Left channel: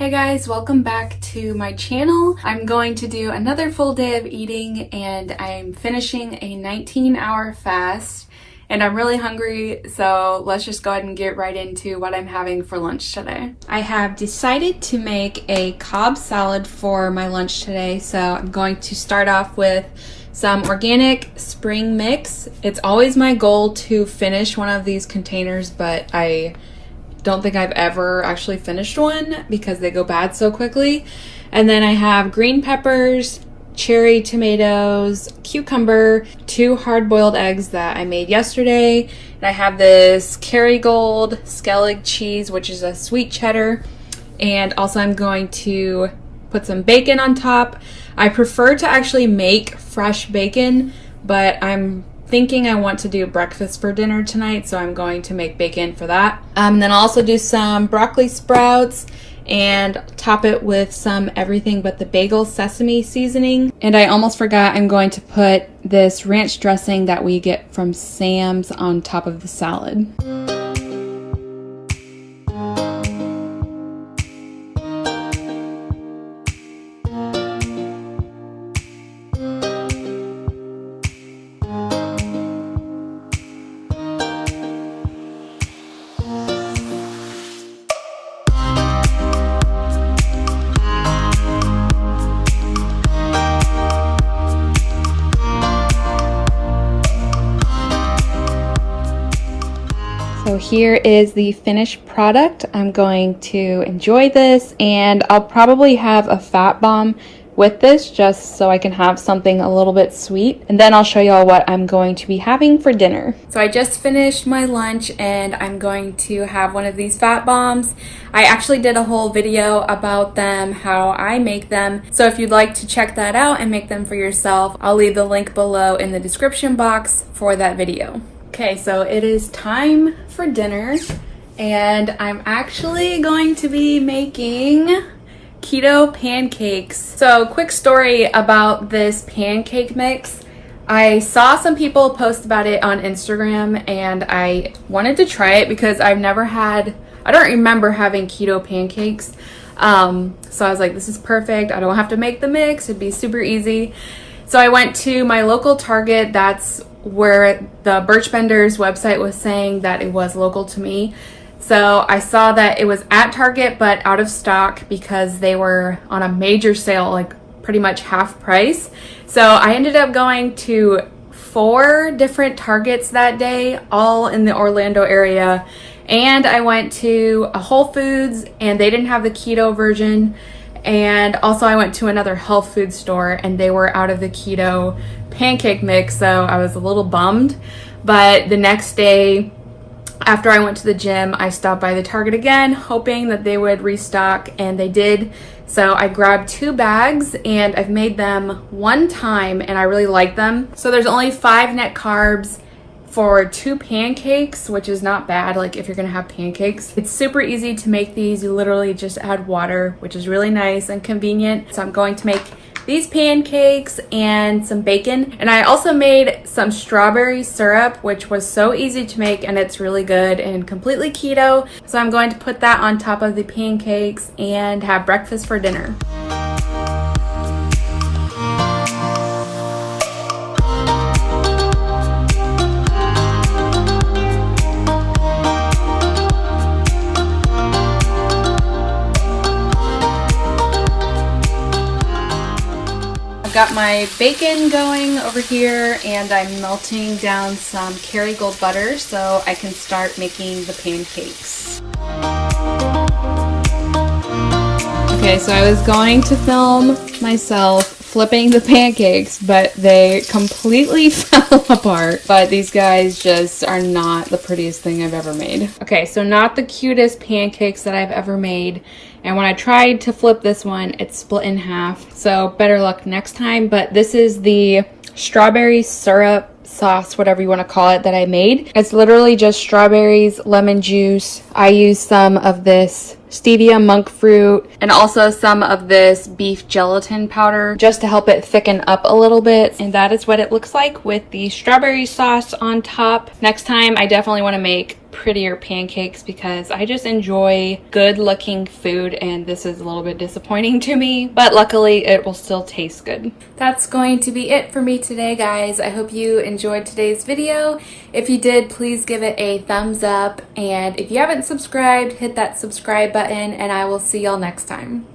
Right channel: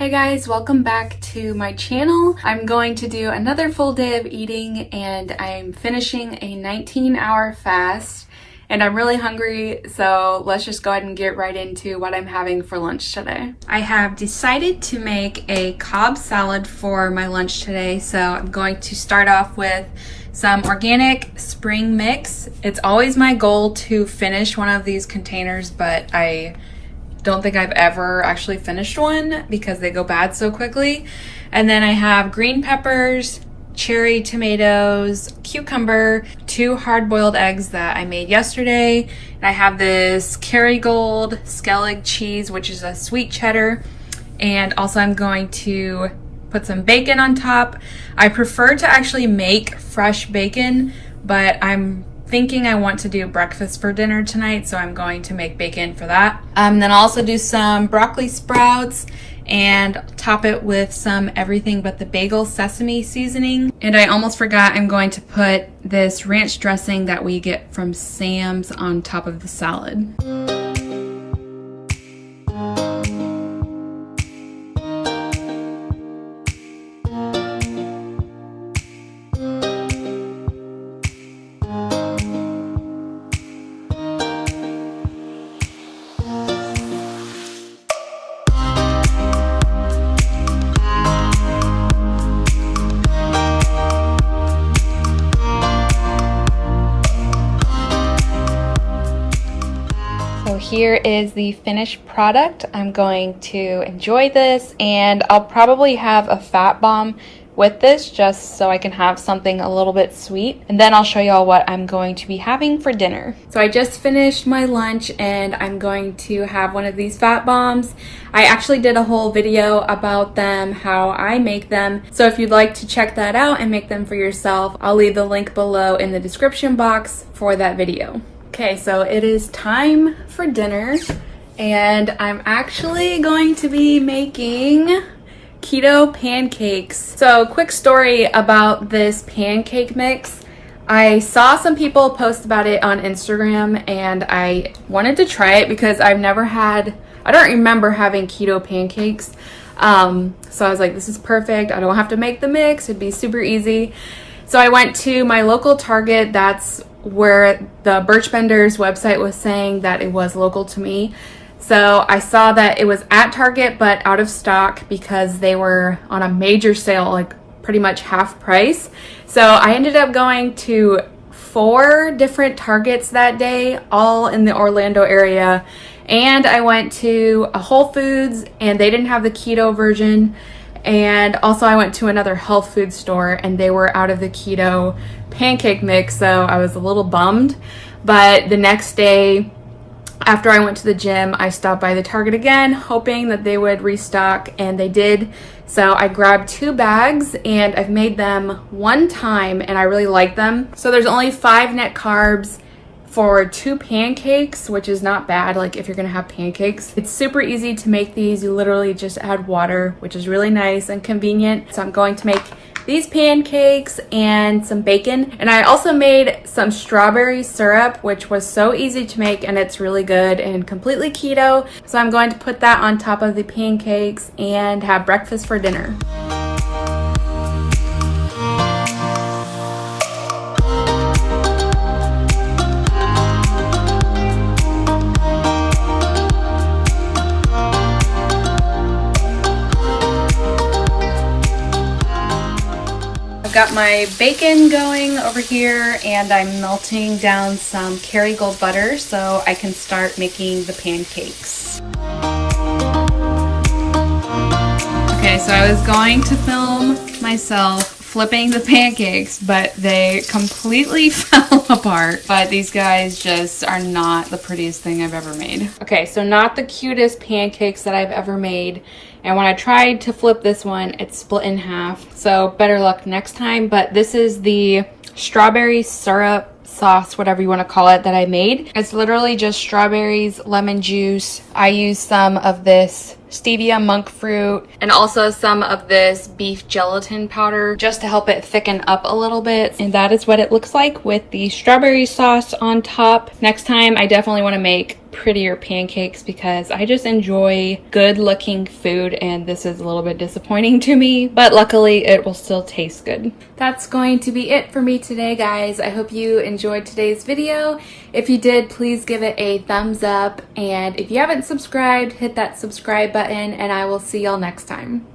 Hey guys, welcome back to my channel. I'm going to do another full day of eating and I'm finishing a 19-hour fast and I'm really hungry, so let's just go ahead and get right into what I'm having for lunch today. I have decided to make a Cobb salad for my lunch today, so I'm going to start off with some organic spring mix. It's always my goal to finish one of these containers, but I don't think I've ever actually finished one because they go bad so quickly. And then I have green peppers, cherry tomatoes, cucumber, 2 hard-boiled eggs that I made yesterday. And I have this Kerrygold Skellig cheese, which is a sweet cheddar. And also I'm going to put some bacon on top. I prefer to actually make fresh bacon, but I'm thinking I want to do breakfast for dinner tonight, so I'm going to make bacon for that. Then I'll also do some broccoli sprouts and top it with some everything but the bagel sesame seasoning. And I almost forgot, I'm going to put this ranch dressing that we get from Sam's on top of the salad. Here is the finished product. I'm going to enjoy this and I'll probably have a fat bomb with this just so I can have something a little bit sweet. And then I'll show you all what I'm going to be having for dinner. So I just finished my lunch and I'm going to have one of these fat bombs. I actually did a whole video about them, how I make them. So if you'd like to check that out and make them for yourself, I'll leave the link below in the description box for that video. Okay, so it is time for dinner and I'm actually going to be making keto pancakes. So quick story about this pancake mix. I saw some people post about it on Instagram and I wanted to try it because I don't remember having keto pancakes. So I was like, this is perfect. I don't have to make the mix. It'd be super easy. So I went to my local Target. That's where the Birchbenders website was saying that it was local to me. So I saw that it was at Target but out of stock because they were on a major sale, like pretty much half price. So I ended up going to 4 different Targets that day, all in the Orlando area. And I went to a Whole Foods and they didn't have the keto version. And also I went to another health food store and they were out of the keto pancake mix, so I was a little bummed. But the next day after I went to the gym, I stopped by the Target again hoping that they would restock, and they did. So I grabbed 2 bags and I've made them one time and I really like them. So there's only 5 net carbs for 2 pancakes, which is not bad, like if you're gonna have pancakes. It's super easy to make these. You literally just add water, which is really nice and convenient. So I'm going to make these pancakes and some bacon. And I also made some strawberry syrup, which was so easy to make and it's really good and completely keto. So I'm going to put that on top of the pancakes and have breakfast for dinner. Got my bacon going over here and I'm melting down some Kerrygold butter so I can start making the pancakes. Okay, so I was going to film myself flipping the pancakes, but they completely fell apart. But these guys just are not the prettiest thing I've ever made. Okay, so not the cutest pancakes that I've ever made. And when I tried to flip this one, it split in half. So better luck next time. But this is the strawberry syrup sauce, whatever you want to call it, that I made. It's literally just strawberries, lemon juice. I used some of this stevia, monk fruit, and also some of this beef gelatin powder just to help it thicken up a little bit. And that is what it looks like with the strawberry sauce on top. Next time I definitely want to make prettier pancakes because I just enjoy good looking food, and this is a little bit disappointing to me, but luckily it will still taste good. That's going to be it for me today, guys. I hope you enjoyed today's video. If you did, please give it a thumbs up, and if you haven't subscribed, hit that subscribe button, and I will see y'all next time.